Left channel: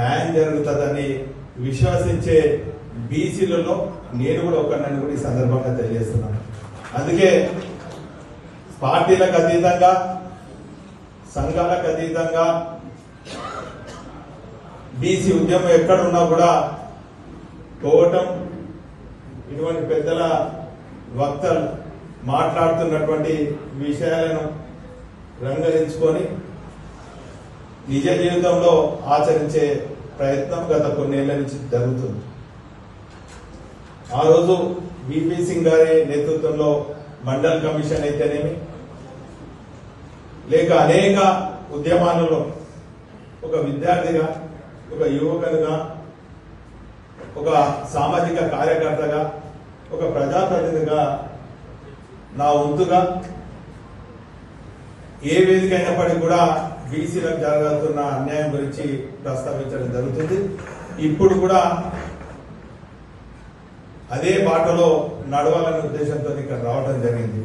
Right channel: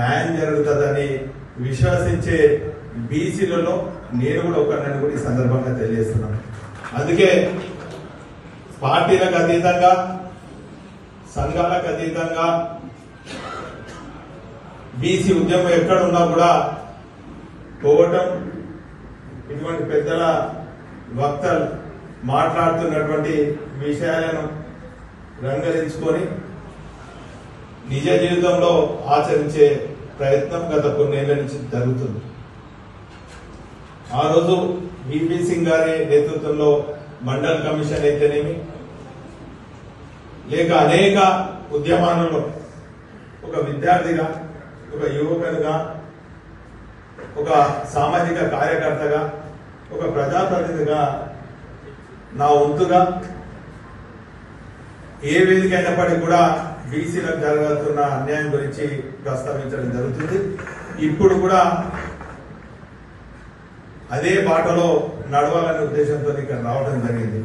న్యాయం జరుగుతుందని విశ్వసించే బీసీలలో నేను కూడా ఒకరిని కూడా ఈ సందర్భంగా తెలియజేస్తున్నాను. అందుకే పార్టీలకు అతీతంగా, సంఘాలకు అతీతంగా బీసీ ఉద్యమం ఎక్కడ ఉన్నా కూడా పోవటం, ఇటువంటి పెద్దల వక్తలు మాట్లాడుతున్నటువంటి విషయాలను రంగరించుకొని నిజ జీవితంలో ఆచరించే ప్రయత్నం గత కొన్నేళ్ల నుంచి జరుగుతుంది. ఆ రోజు బీపీ సింగ్ గారి నేతృత్వంలో మండల్ కమిషన్ అయితేనేమి, లేక అనేక ఉద్యమాలలో ఒక విద్యార్థిగా, ఒక యువకునిగా, ఒక సామాజిక కార్యకర్తగా, ఒక ప్రజాప్రతినిధిగా నా వంతుగా ఏ వేదిక అయినప్పటికీ కూడా బీసీలకు జరగాల్సిన అన్యాయం గురించి ప్రస్తావించడం జరుగుతుంది. ఇప్పుడు కూడా అదే బాటలో నడవాలనే ఉద్దేశంతో ఇక్కడ రావడం జరిగింది.